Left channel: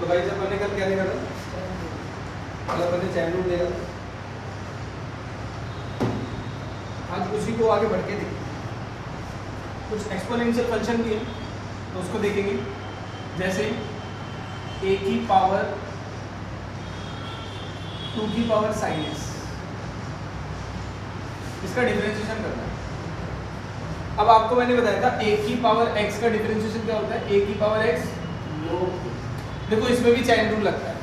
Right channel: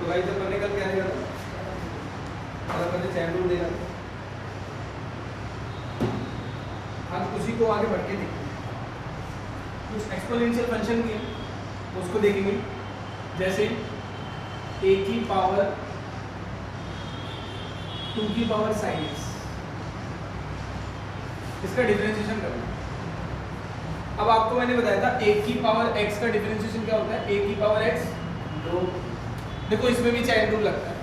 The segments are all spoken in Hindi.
तो भाई जब मैंने कल क्या लिखा था, अगर मैंने चैन रूल लिया हाँ, तो उसी को आगे बढ़ते थे, कुछ एक्सपोनेंशियल फंक्शन दिए तो उसको देखेंगे, जैसे a की पावर 2 की पावर sin x, इसका डिफरेंशिएशन करना है। अब आपको मैंने बताया था a की पावर x का डिफरेंशिएशन क्या होता है, a की पावर x लोग, देखो इसमें भी चैन रूल लगता है।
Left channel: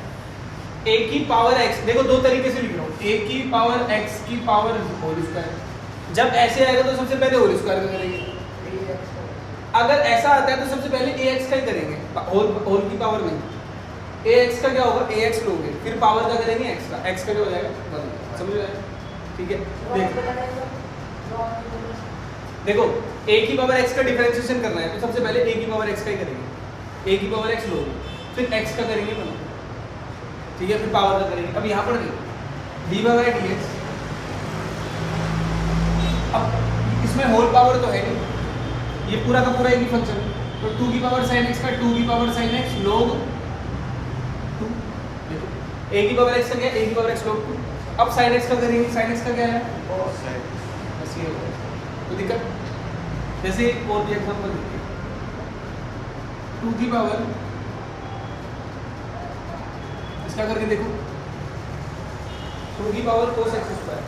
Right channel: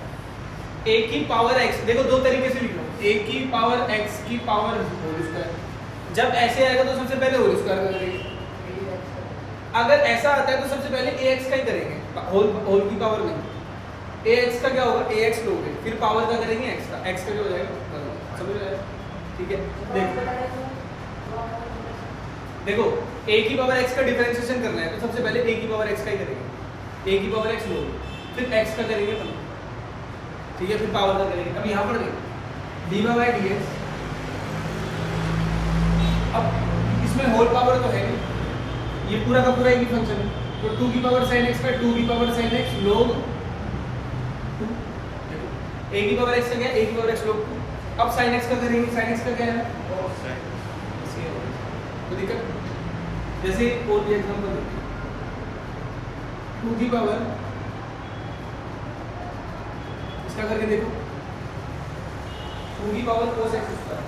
a की पावर x, देखो दो तरीके से लिख रहा हूँ, a की पावर x की पावर होल स्क्वायर, जब ऐसे आएगा तो सबसे पहले होल स्क्वायर का करेंगे, अगर ऐसा आता है तो सबसे पहले ax का ही करेंगे, होल की पावर नहीं। ax का क्या होगा, ax लोगे, फिर पावर का करेंगे x का, x का क्या हो जाएगा, समझ जाएगा, ठीक है। देखो a की पावर x का डिफरेंशिएशन करना है तो सबसे पहले a की पावर x का ही करेंगे, a की पावर x लोगे, फिर x का करेंगे बंद, ठीक है, फिर पावर का करेंगे। अब यहाँ पर देखो dy बाई dx, अब इसमें होल पावर तो है नहीं, ये पूरा का पूरा एक ही फंक्शन है, तो 2 की पावर sin x का 2 की पावर sin x log 2, देखो a की पावर x का क्या है, a की पावर x log 2। अब sin x का करेंगे, sin x का क्या है cos x, बस ये है तो दिक्कत। जैसे और भी एग्जांपल देखिए, 2 की पावर इसका करके देखो, 2 की पावर cos x स्क्वायर,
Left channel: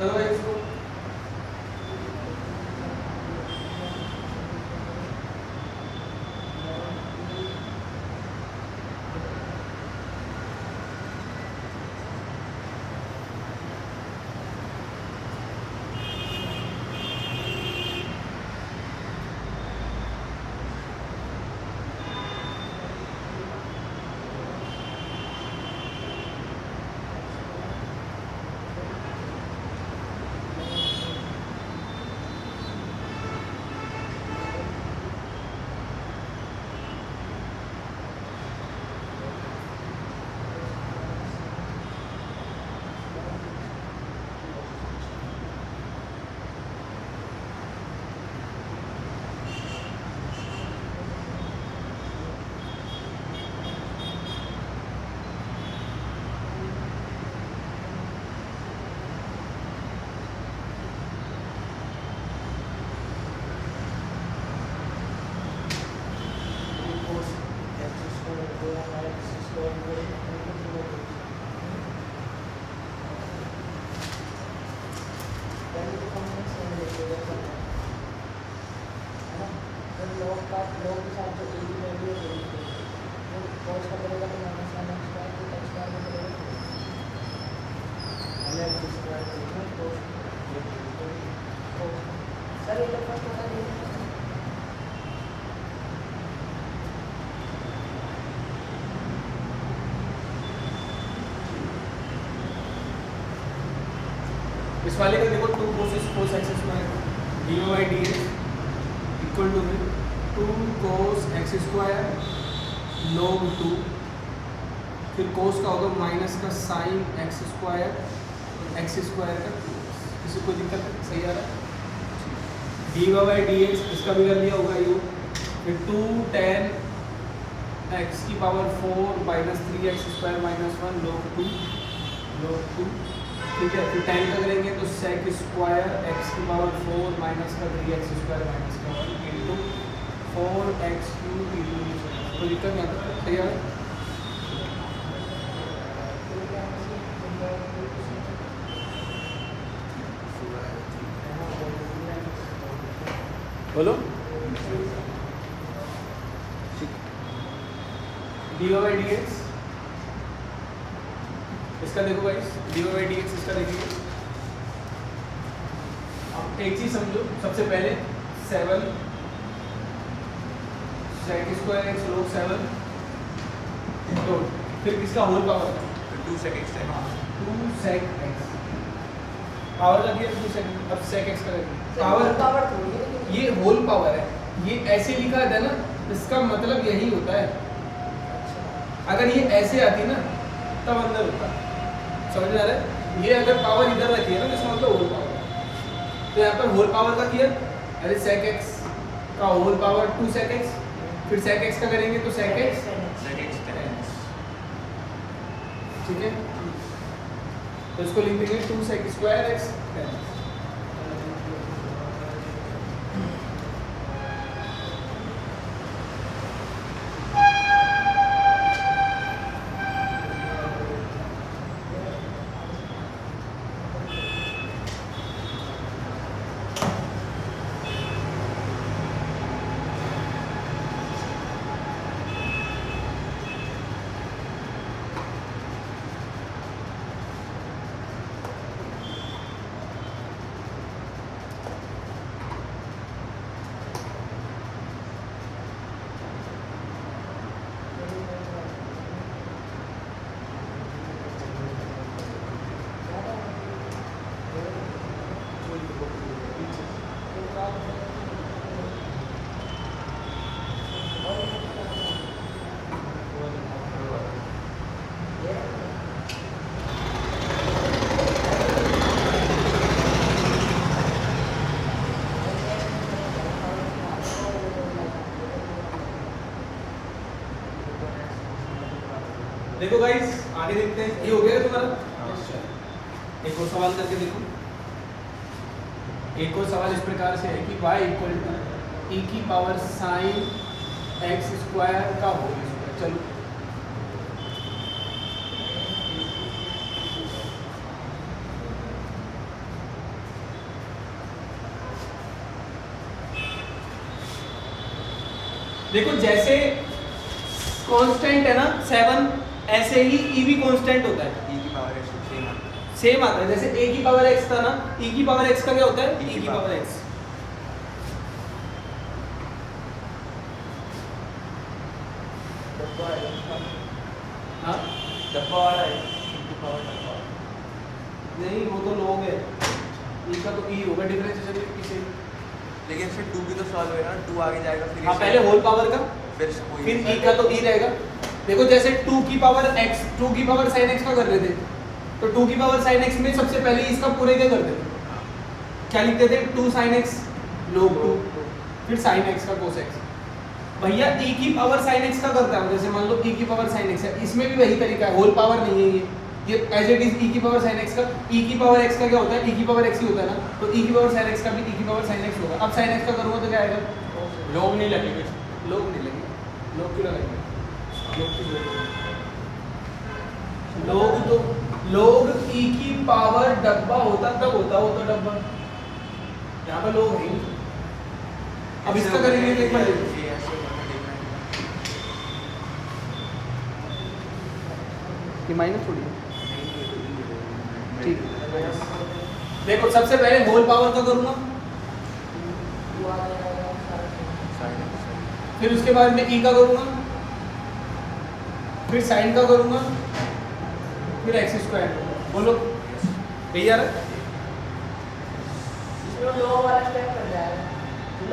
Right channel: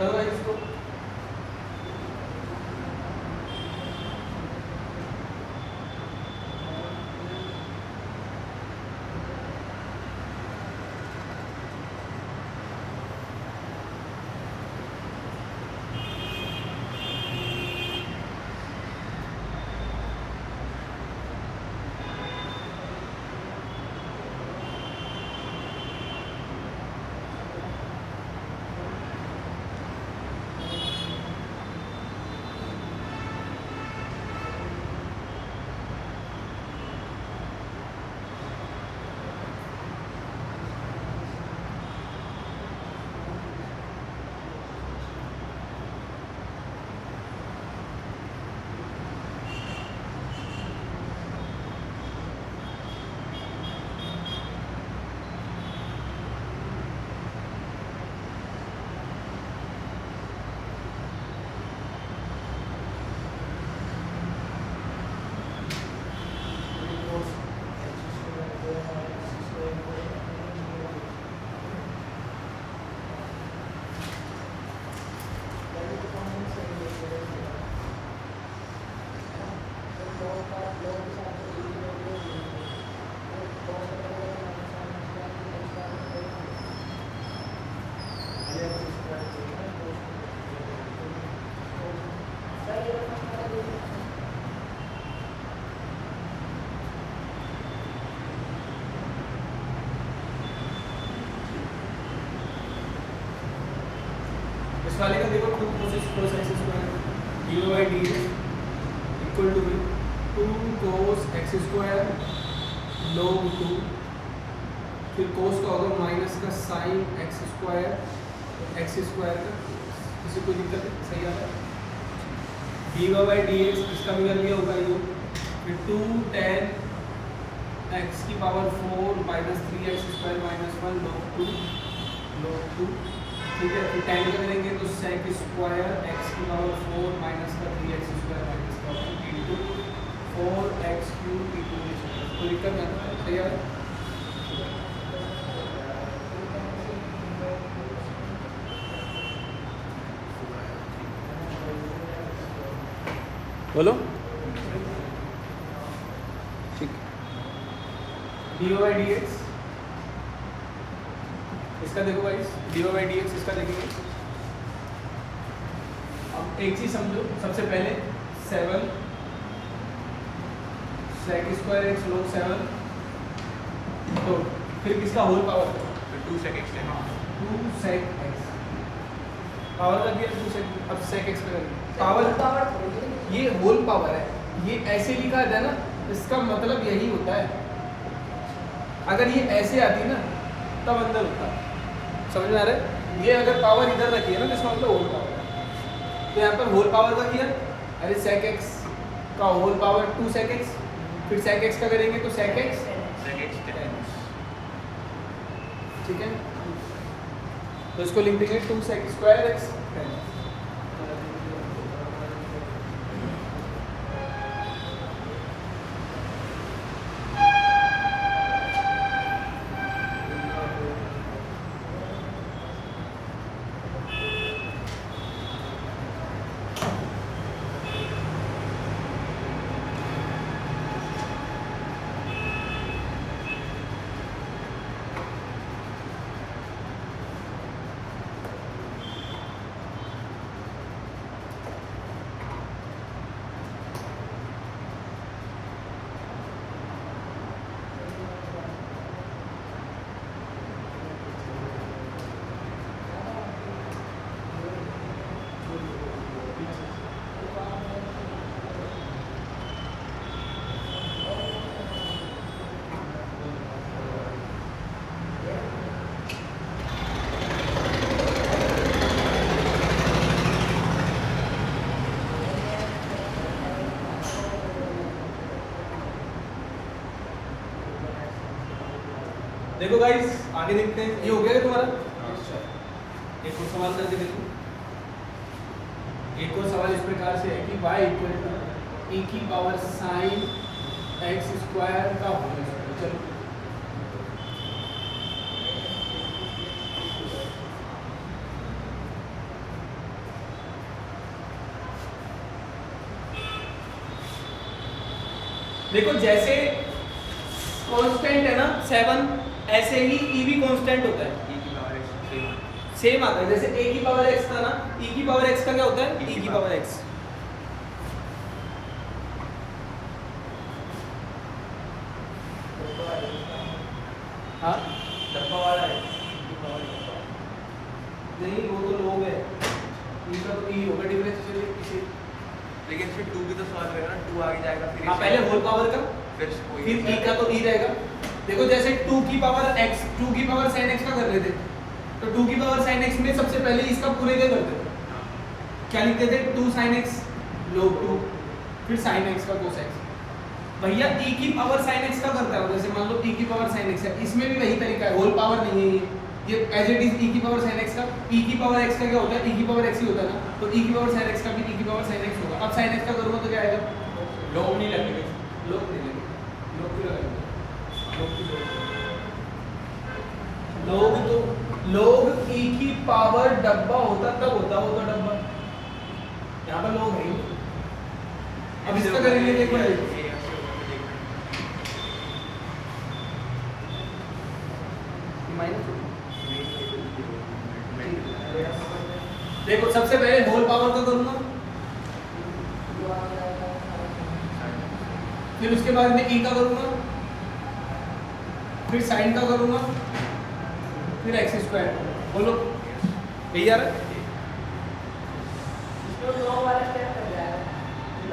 करो भाई इसको, इस वाले का देखो 2 cos x square dy by dx equal to 2 cos x square log 2, फिर cos का होगा माइनस का sin x स्क्वायर का cos, इसे कोई दिक्कत है, सही आ रहा है। dy बाई dx इसका भी कर लिया होगा ये, फिर 2 tan x की power 4 minus 3x square minus 1 log 2, ठीक है। फिर टाइम का करेंगे तो sec स्क्वायर x की पावर 4 माइनस का 3x स्क्वायर माइनस का 1 इंटू 4x क्यूब इंटू, कोई दिक्कत नहीं आता, सही है। बोलो ठीक, dy बाई dx इसका देखो भाई, dy बाई dx इसका देखिए। अब एक चीज समझो, सबसे पहले 7 sec स्क्वायर x log 7, तो फिर किसका होल पावर, 2 sec x है 2 sec x पावर लग गया 2 sec, अब sec x का करेंगे पावर, ये होल पावर है, ये ऐसे लिखा है ना, इसका मतलब यही होता है। अगर ये ऐसे आती ना तब अंदर होता, समझ में आ रहा है? ये अगर पावर इधर रखी है ना, इसका मतलब होल पावर है। तो यहाँ पर होल पावर का किया, अरे sec x का होल पावर 2 sec x, फिर sec x का करेंगे तो sec x, ठीक है, तो इसको लिख देंगे 2 sec स्क्वायर x 10। देखो गाइस आगे देखते हैं, ये हो गया तुम्हारा। एक और सवाल करके देखो। एक और सवाल इस प्रकार से है कि y इक्वल टू e की पावर साइन x स्क्वायर का होल स्क्वायर। चलो देखो, जैसे कांस्टेंट है ना 7, ऐसे ही e भी कांस्टेंट होता है, e की पावर सेम आता है। जैसे a की पावर x था ना, e की पावर x का क्या होता है, e की पावर x। हाँ नहीं, वो तो लोग है, e का तो e होगा, डिफरेंशिएशन किसे, लेकिन फिर 2 भी तो सॉल्व होगा ना, 2 आगे जाएगा फिर हाँ पहले होल पावर का, फिर e का तो e रहेगा। देखो जैसे 2 की पावर x, 2 की पावर sin x का कर रहे थे, तो 2 की पावर sin x में सबसे पहले इसका पूरे का करते थे, क्या लिखते थे, 2 sin x log 2, फिर sin x का cos x। भैया e की पावर sin x का करता है, जैसे मान लो e की पावर sin x है, इसमें भी वही तरीका है, होल पावर नहीं है ये एज इट इज e की पावर sin x का, e की पावर x का क्या होता है, e की पावर x ही होता है ना, तो e की पावर sin x का भी e की पावर sin x होगा। अब sin x का करूँगा तो क्या आएगा, log नहीं लगेगा, log नहीं लगेगा, log क्यों लगेगा, log तो log e की पावर डब्बा होता तब होता वो तो डब्बा, यहाँ पर log है ही। अब इसका करेंगे एक बार, देखो सबसे पहले होल पावर का करूंगा, फिर उसके बाद में e का करूंगा, फिर साइन का करूंगा, फिर एक्स स्क्वायर। बोलो यही आ रहा है,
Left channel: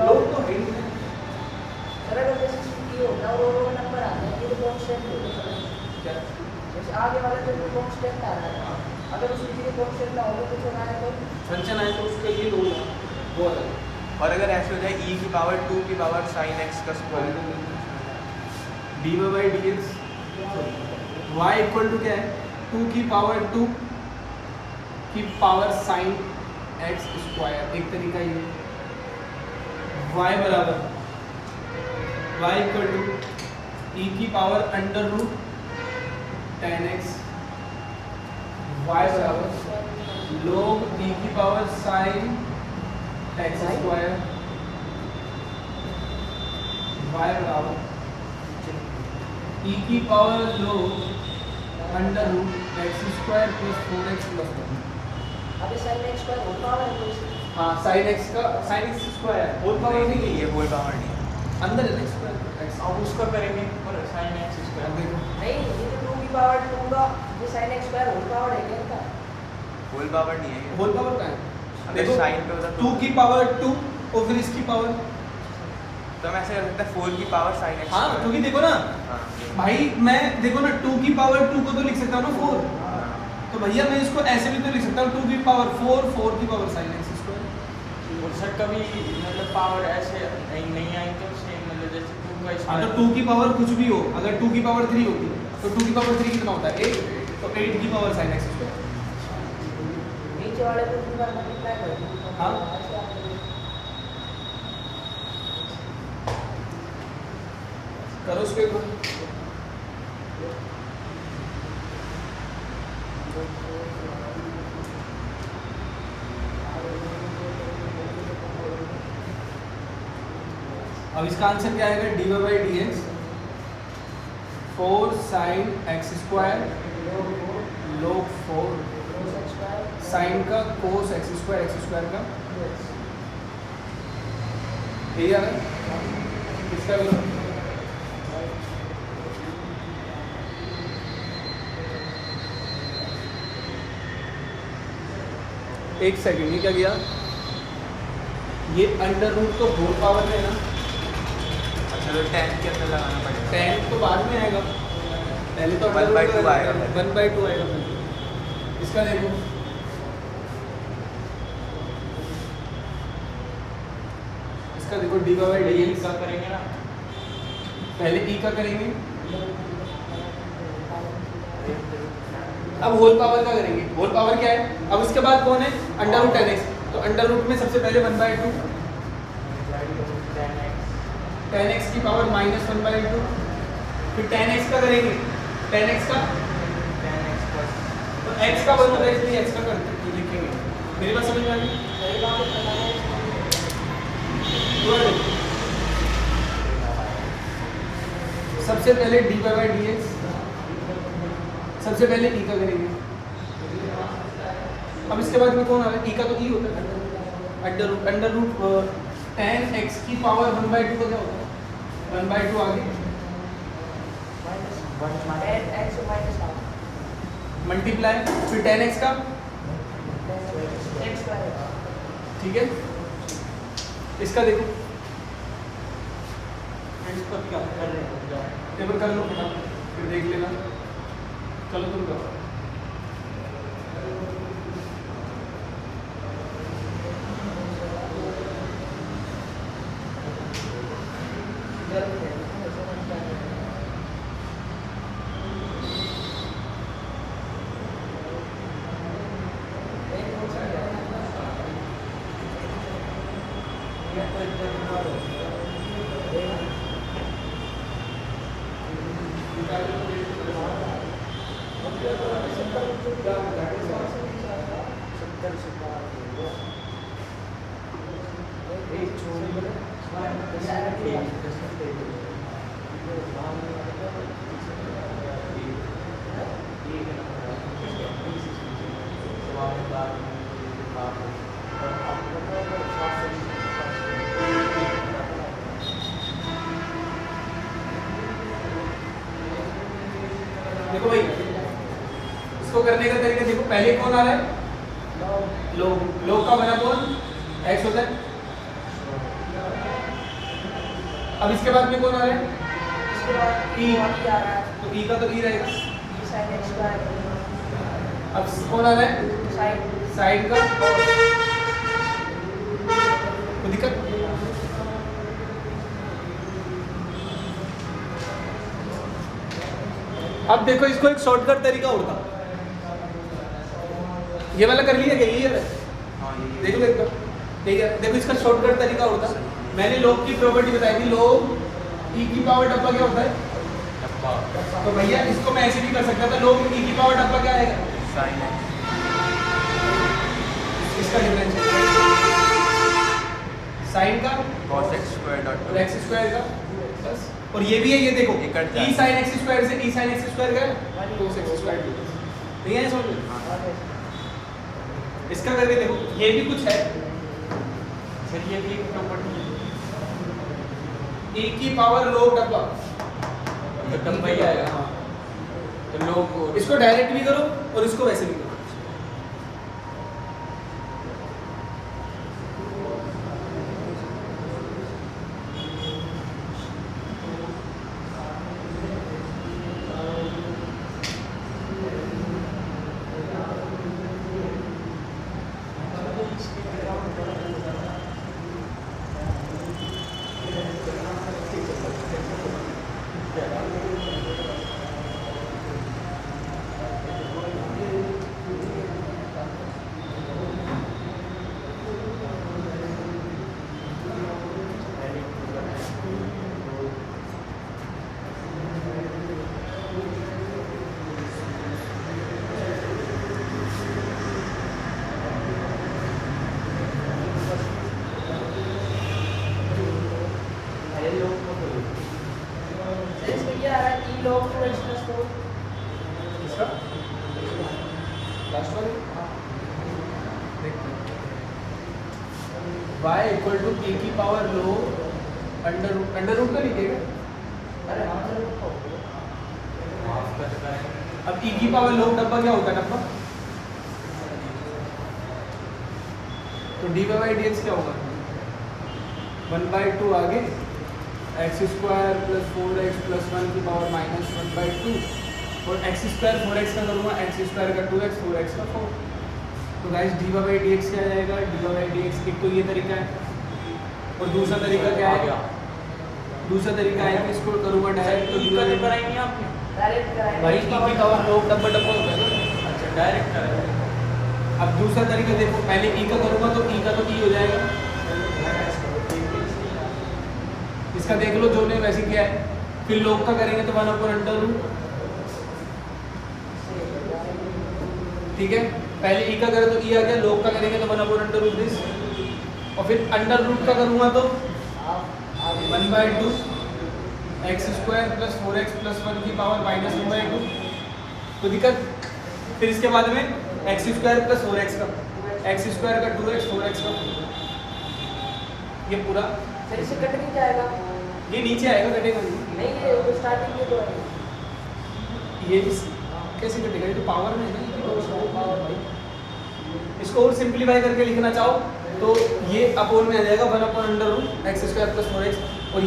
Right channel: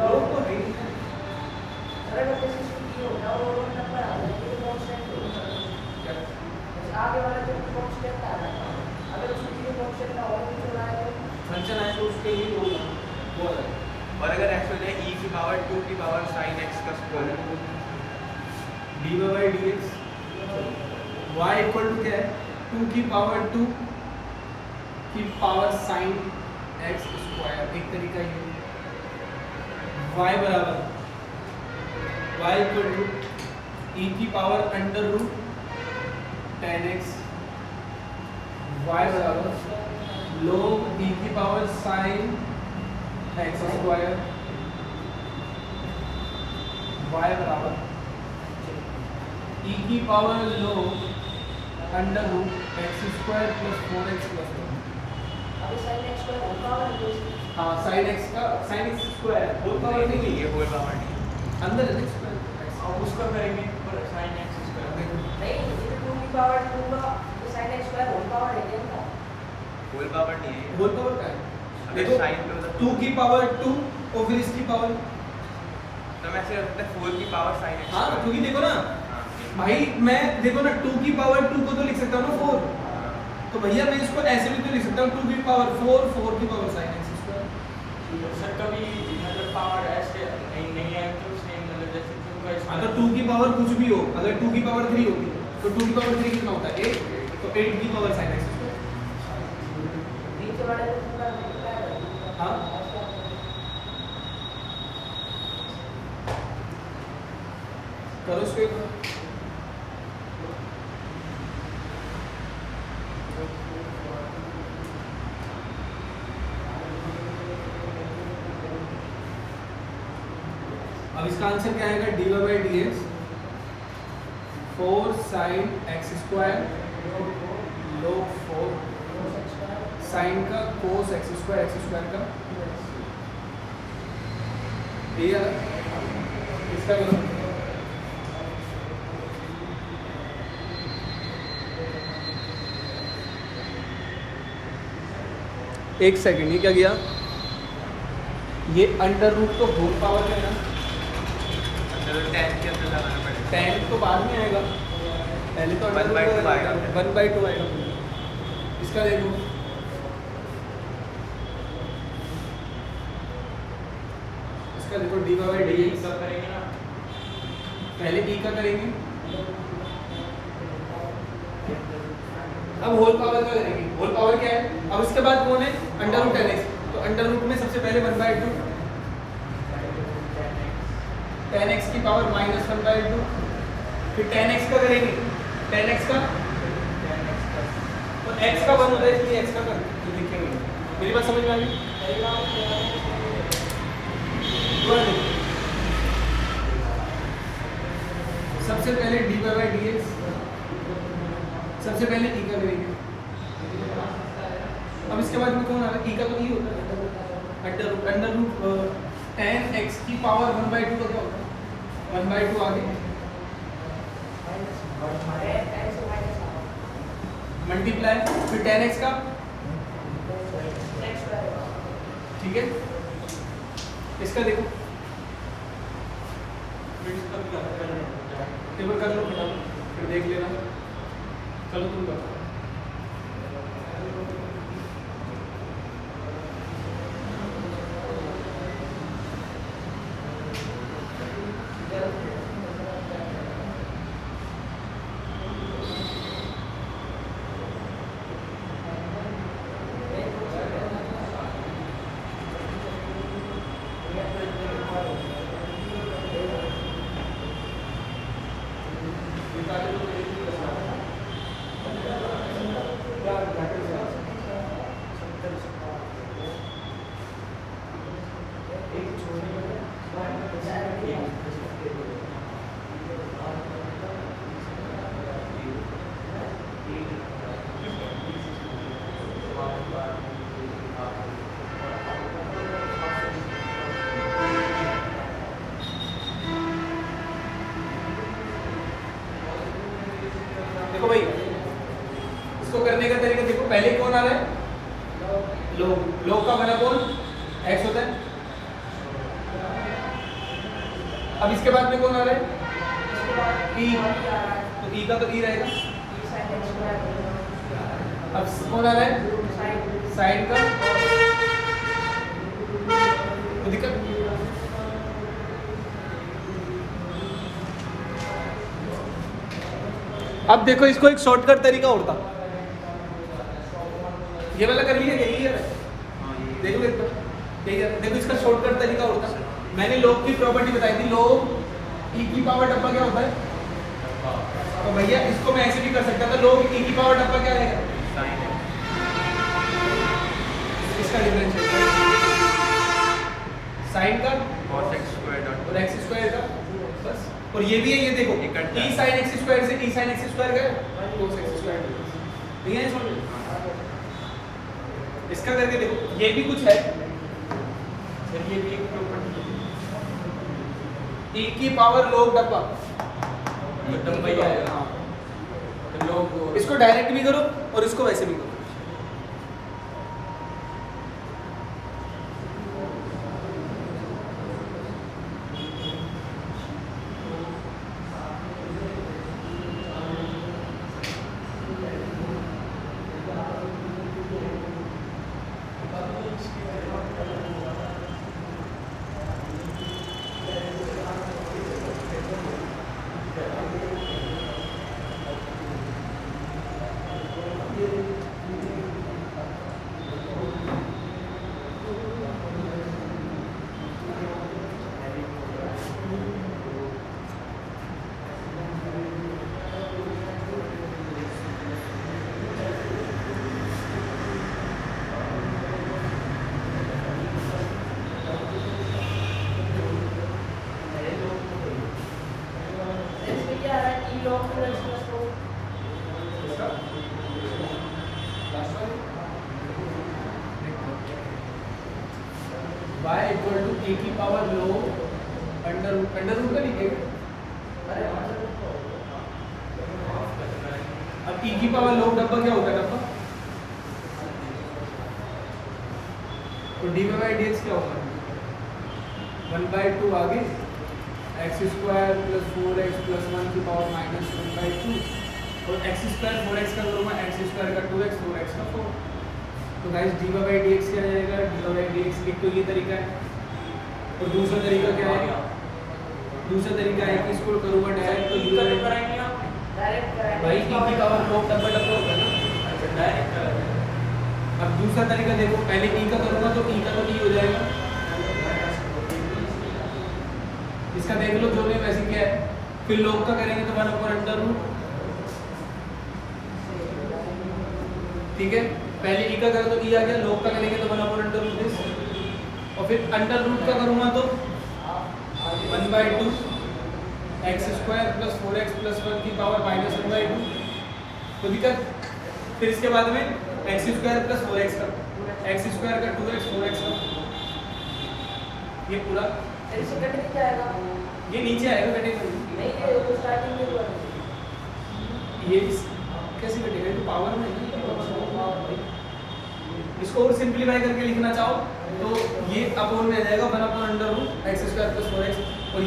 लोग तो है फंक्शन है तो उसके लिए लोग वो है। और अगर ऐसे हो जाए e की पावर 2 की पावर sin x का square dy by dx, y equal to क्या है, 2 की पावर 2 की पावर sin x स्क्वायर, एक तरीका ये, y बराबर y इक्वल टू e की power under root 10x, y बराबर log e की power sin x square, y बराबर e की power log under root x square plus 4x plus 1। हाँ sin x का sin x square whole power नहीं है, ये होल पावर नहीं अंदर है स्क्वायर, अब उसका करेंगे sin x स्क्वायर। देखो sin x square whole power है क्या इनका? होल पावर नहीं है। होल पावर का है अगर देखो sin पे होता 2 की पावर 2 और फिर इसकी पावर तो हम ऐसे कर सकते हैं 4 की पावर sin x हाँ square। क्योंकि देखो ना हाँ, ये। भाई मैं देखो ना 2 की पावर 2 को तो लिख सकता हूँ ना 4 हाँ। तो भैया मैं इसको ऐसे भी तो लिख सकता हूँ 2 की पावर 4 4 की power sin x square sir कभी मतलब पावर ऐसे नहीं आई तो सेम मतलब जैसे 2 का स्क्वायर अगर 2 की पावर कुछ भी हो अगर 2 की पावर 3 होगी तो 2 की पावर 3 कितना होता है 8 तो 8 की पावर sin x स्क्वायर नीचे वाले को पूरा मल्टीप्लाई कर दो। हाँ करो उसको एक बार अब इसका आंसर क्या आएगा d y by d x 4 sine x square log 4 sine का कोस एक्स स्क्वायर का भैया इसका करो एक सेकंड ये क्या किया ये अंडर रूट तो होल पावर में है ना अच्छा तो 10 के अंदर लगाना पड़ेगा। 10 तो बाद में आएगा पहले तो 1/2 आएगा। 1/2 आएगा पहले इसका देखो इसका देखो डी बाई डी एक्स का करेंगे ना पहले ई का करेंगे अब होल पावर का करेंगे होल पावर क्या है अब इसके बाद कौन है अंडर रूट 10x तो अंडर रूट में सबसे पहले 1/2 10x की पावर -1/2 फिर 10x का करेंगे 10x का 10x का तो x का 1 होता है इसलिए x का कर लिखेंगे मेरी बात समझ में आ गई दोबारा देखो सबसे पहले dy बाई dx सबसे पहले ई का करेंगे अब इसके बाद में कौन आ रहा है ई का तो ई होता है अंडर रूट 10x की पावर 1/2 का क्या होता है 1/2 आगे मल्टीप्लाई फिर 10x का ठीक है इसका देखो टेबल कर लो फटाफट फिर देख लेना चलो तुम करो देखो भाई इसको करने का तरीका देखो पहले कौन आ रहा है लोग का बना कौन x होता है अब इसके बाद में कौन आ रहा है e तो e का तो e रहेगा अब कौन आ रहा है साइन का तो दिक्कत अब देखो इसको एक शॉर्टकट तरीका होता ये वाला कर लिया यही है देखो देखो इसका शॉर्टकट तरीका होता मैंने लोग की प्रॉपर्टी बताई थी लोग ई की पावर डब्बा क्या होता है तो भैया इसको मैं ऐसे भी कर सकता था लोग ई की पावर डब्बा क्या रहेगा sin x इसका डिफरेंशियल साइन का cos x square dot और एक्स स्क्वायर का बस और ये भी है ये देखो ये कट जाए। e sin x स्क्वायर से e sin x स्क्वायर गया cos x स्क्वायर ठीक है समझ इसका करके देखो ये भी कुछ है सर ये भी एक प्रॉपर्टी e की पावर log डब्बा डब्बा ही आएगा। हाँ तो लोग इसको डायरेक्ट भी करो और इसको वैसे भी करो। इसमें क्या आ रहा है? E log 2x plus 4. इसका last one y equal to e की पावर log अंडर रूट का लिखेगा। अब e की पावर log डब्बा क्या होता है डब्बा? तो dy by dx क्या होगा? 1/2 आगे x square plus 4x plus 1 की पावर माइनस 1/2 और एक्स स्क्वायर 4x का करूँगा एक्स स्क्वायर का 2x 4x का 4। तो गाइस dy by dx क्या आ जाएगा? dy by dx एक तो ये तरीका है और दूसरा तरीका क्या है? दूसरा तरीका है कि इसको करूँगा डायरेक्ट। तो ई का कराएंगे आपने? डायरेक्ट भाई e की पावर log डब्बा डब्बा होता है ना। अच्छा डायरेक्ट कराएंगे। अब दूसरा तरीका देखो, पहले e का करूँगा तो e का तो e हो जाएगा। इसका देख लो जो ने वैसे किया है। फिर log का करेंगे तो 1/√। ठीक है, पहले e का करें तो e आ गया, log का करेंगे तो 1/√। और फिर अंडर रूट का करूँगा तो 1/2 x square plus 4x plus 1 की पावर माइनस 1/2। तो दिक्कत फिर इसके बाद में एक्स स्क्वायर प्लस 4x का एक्स स्क्वायर का 2x 4x का ये पूरा फिर से कट नहीं जाएगा। ये नीचे आएगा, कटेगा नहीं। नहीं ये स्टार्टिंग में जो है ये कैसे कटेगा? ये तो पावर में है ना। इसको और सिंप्लीफाई करके लिखना चाहो तो ये अपोन में आ जाएगा 1/√, एक्स स्क्वायर प्लस 4x और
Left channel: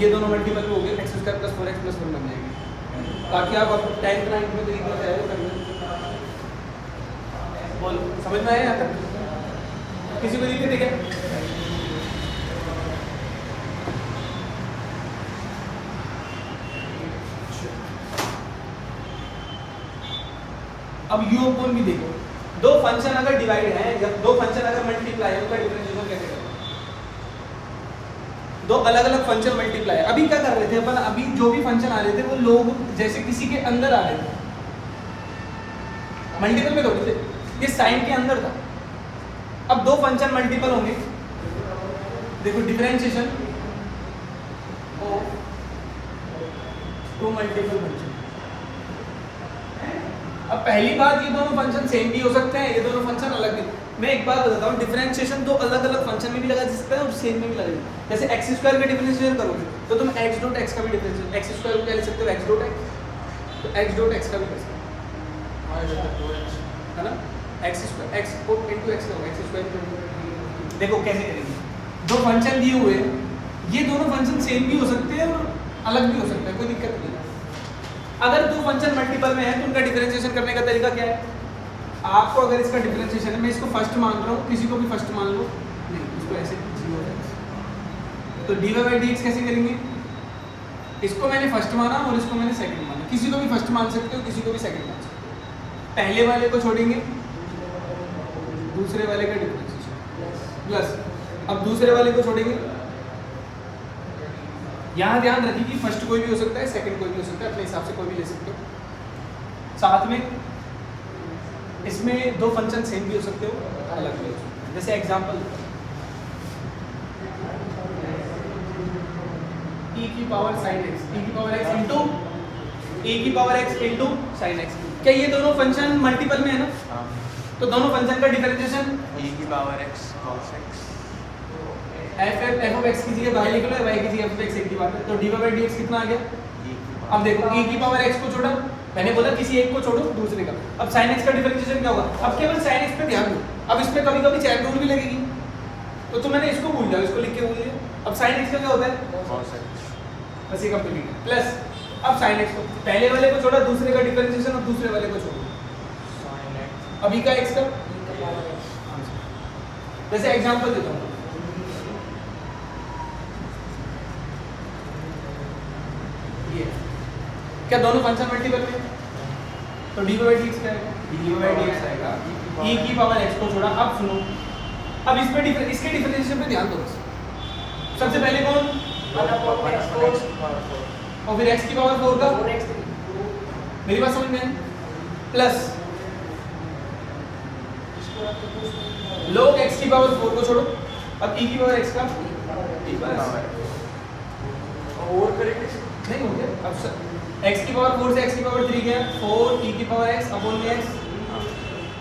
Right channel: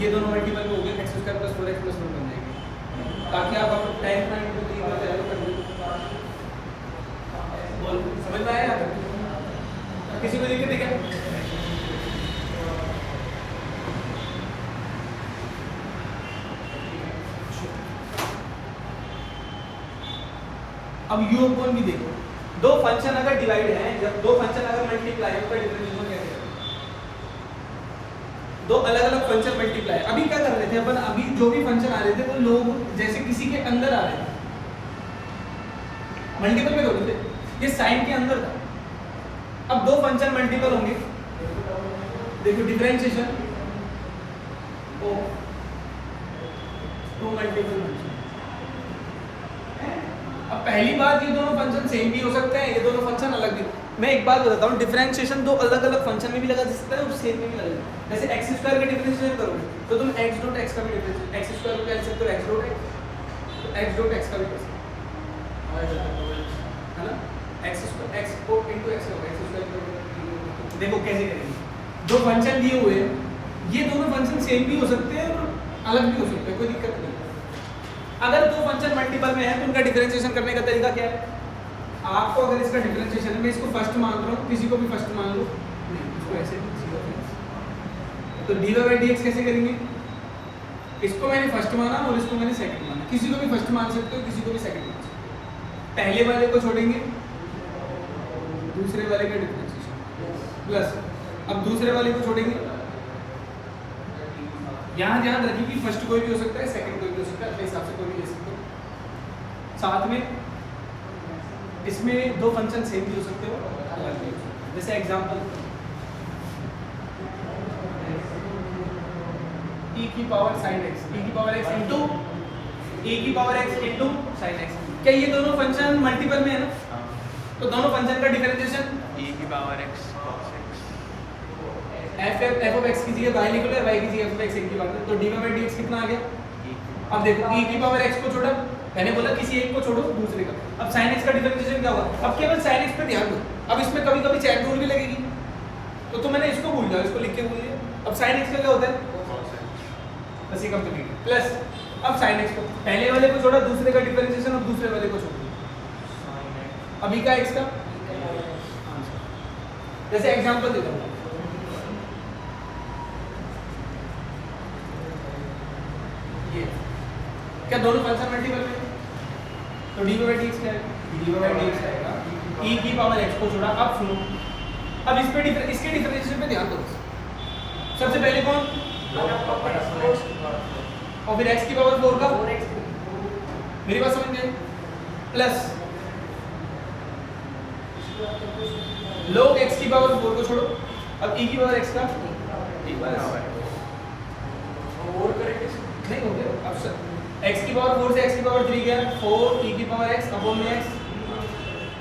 ये दोनों मल्टीपल में हो गए, x square plus 4x plus 1 बन जाएंगे। ताकि आप अब 10th 9th को तरीके से तैयारी कर लो। बोल समझ में आया यहाँ तक? किसी को दिक्कत है क्या? अब u अपॉन भी देखो, दो फंक्शन अगर डिवाइड है या दो फंक्शन अगर मल्टीप्लाई है, उसका डिफरेंशिएशन कैसे करें? दो अलग अलग फंक्शन मल्टीप्लाई। अभी क्या कर रहे थे अपन? अभी जो भी फंक्शन आ रहे थे वो लोग जैसे किसी के अंदर आ रहे थे, मल्टीपल में थोड़ी थे, ये साइन के अंदर था। अब दो फंक्शन मल्टीपल होंगे, देखो differentiation of two multiple function. अब पहली बात, ये दोनों फंक्शन सेम भी हो सकते हैं, ये दोनों फंक्शन अलग भी। मैं एक बात बताता हूँ, डिफरेंशिएशन दो अलग अलग फंक्शन में भी लगा सकते हैं और सेम में भी लगेगा। जैसे एक्स स्क्वायर का डिफरेंशिएशन करोगे तो तुम एक्स डॉट एक्स का भी डिफरेंशिएशन, एक्स स्क्वायर को कह सकते हो एक्स डॉट एक्स, तो एक्स डॉट एक्स का भी कर सकते हो, है ना? एक्स स्क्वायर एक्स को इनटू एक्स होगा, एक्स स्क्वायर। देखो कैसे करेंगे, दो फंक्शन दिए हुए हैं, ये दोनों फंक्शन सेम भी हो सकते हैं और अलग भी हो सकते हैं, कोई दिक्कत नहीं। अगर दो फंक्शन मल्टीपल में है तो उनका डिफरेंशिएशन करने का तरीका क्या है? आपको अगर इसका डिफरेंशिएशन है, मैं इसको फर्स्ट मान रहा हूँ, किसी को भी फर्स्ट मान लो, नहीं इसको ऐसे तो dy by dx कैसे करेंगे? इसको मैंने फर्स्ट माना और इसको मैंने सेकंड माना। किसी को भी फर्स्ट मान सकते हो, किसी को भी सेकंड मान सकते हो। पहले वाले को छोड़ेंगे, दूसरे वाले का डिफरेंशिएशन प्लस, अब दूसरे वाले को छोड़ेंगे। यहाँ ध्यान रखिए कि फर्स्ट कोई भी हो सकता है, सेकंड कोई भी हो सकता है, अपने हिसाब से कोई भी ले सकते हो। साथ में इसमें दो फंक्शन सेम भी हो सकते हो, अलग भी हो सकते हो। जैसे एग्जांपल e की पावर sin x, e की पावर x इंटू e की power x into sin x। क्या ये दोनों फंक्शन मल्टीपल में है ना? तो दोनों फंक्शन का डिफरेंशिएशन e की power x cos x f of x की जगह y लिख लो, y की जगह f of x एक ही बात है। तो dy by dx कितना आ गया? e की अब देखो e की पावर x को छोड़ा, मैंने बोला किसी एक को छोड़ो दूसरे का। अब sin x का डिफरेंशिएशन क्या होगा? अब केवल sin x पे ध्यान दो। अब इसमें कभी कभी चैन रूल भी लगेगी, तो मैंने इसको भूल जाओ, इसको लिख के भूल दिया। अब sin x का क्या होता है? cos x बस ये कंप्लीट है। प्लस अब sin x को पहले वाले को छोड़ा, दूसरे का डिफरेंशिएशन, अब दूसरे वाले को छोड़ो। अभी का x का जैसे एग्जांपल देता हूँ, ये क्या दोनों फंक्शन मल्टीपल में, तो dy/dx क्या आएगा? dy/dx आएगा e की पावर x को छोड़ा। अब सुनो, अब इस पे इसके डिफरेंशिएशन पे ध्यान दो बस। सबसे पहले कौन, और फिर x की पावर 4 का, मेरी बात समझ में, प्लस log x की पावर 4 को छोड़ो। अब e की पावर x का और करेंगे नहीं हो गया। अब x की पावर 4 से x की पावर 3 गया, 4 e की पावर x अपॉन में x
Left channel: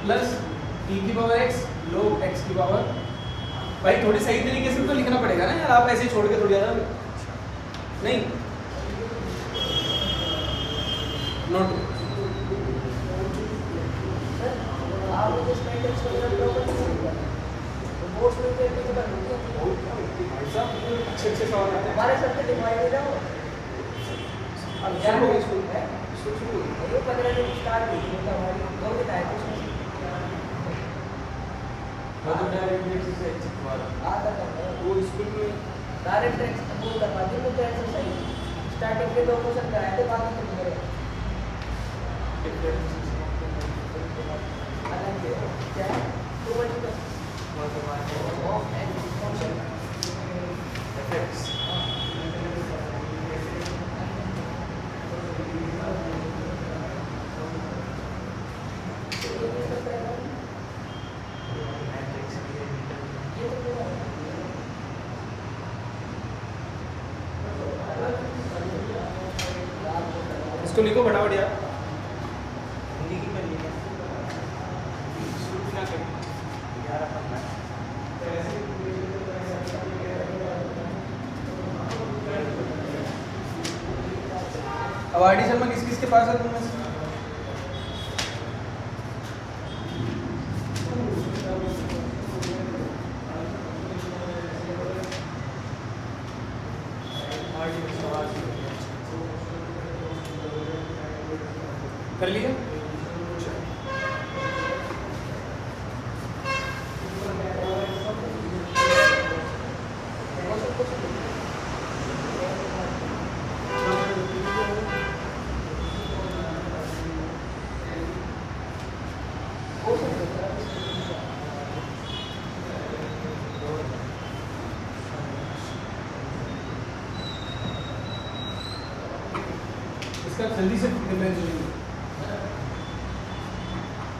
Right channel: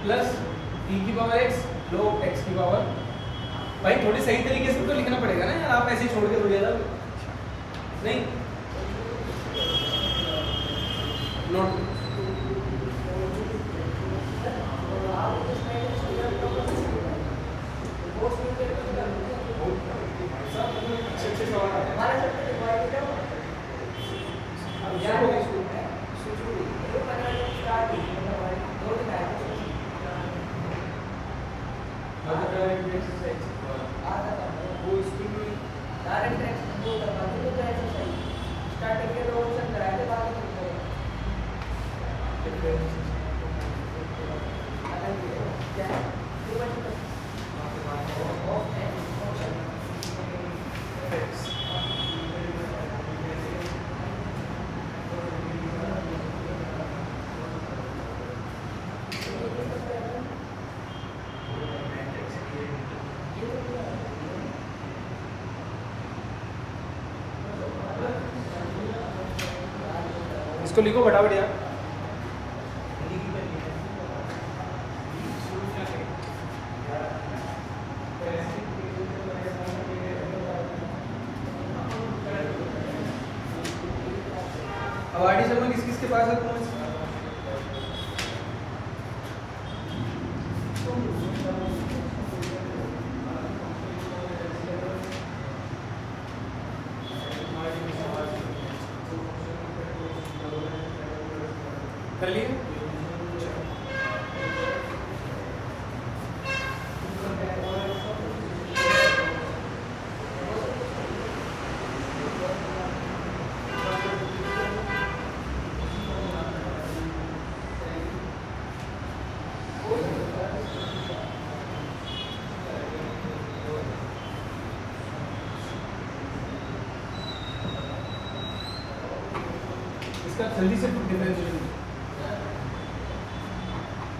प्लस e की पावर x log x की पावर। भाई थोड़ी सही तरीके से तो लिखना पड़ेगा ना यार, आप ऐसे ही छोड़ के थोड़ी ज्यादा नहीं। नोट अच्छे सवाल आते हैं। अब यार हो गया स्कूल में, वो स्कूल में स्टार्टिंग के ऑप्शन कराए तो बाकी नहीं इसको लिखो फटाफट यार। अब आर डी शर्मा किस किस के पास है तुम्हें? कर लिया? इसका जल्दी से डिफरेंशिएशन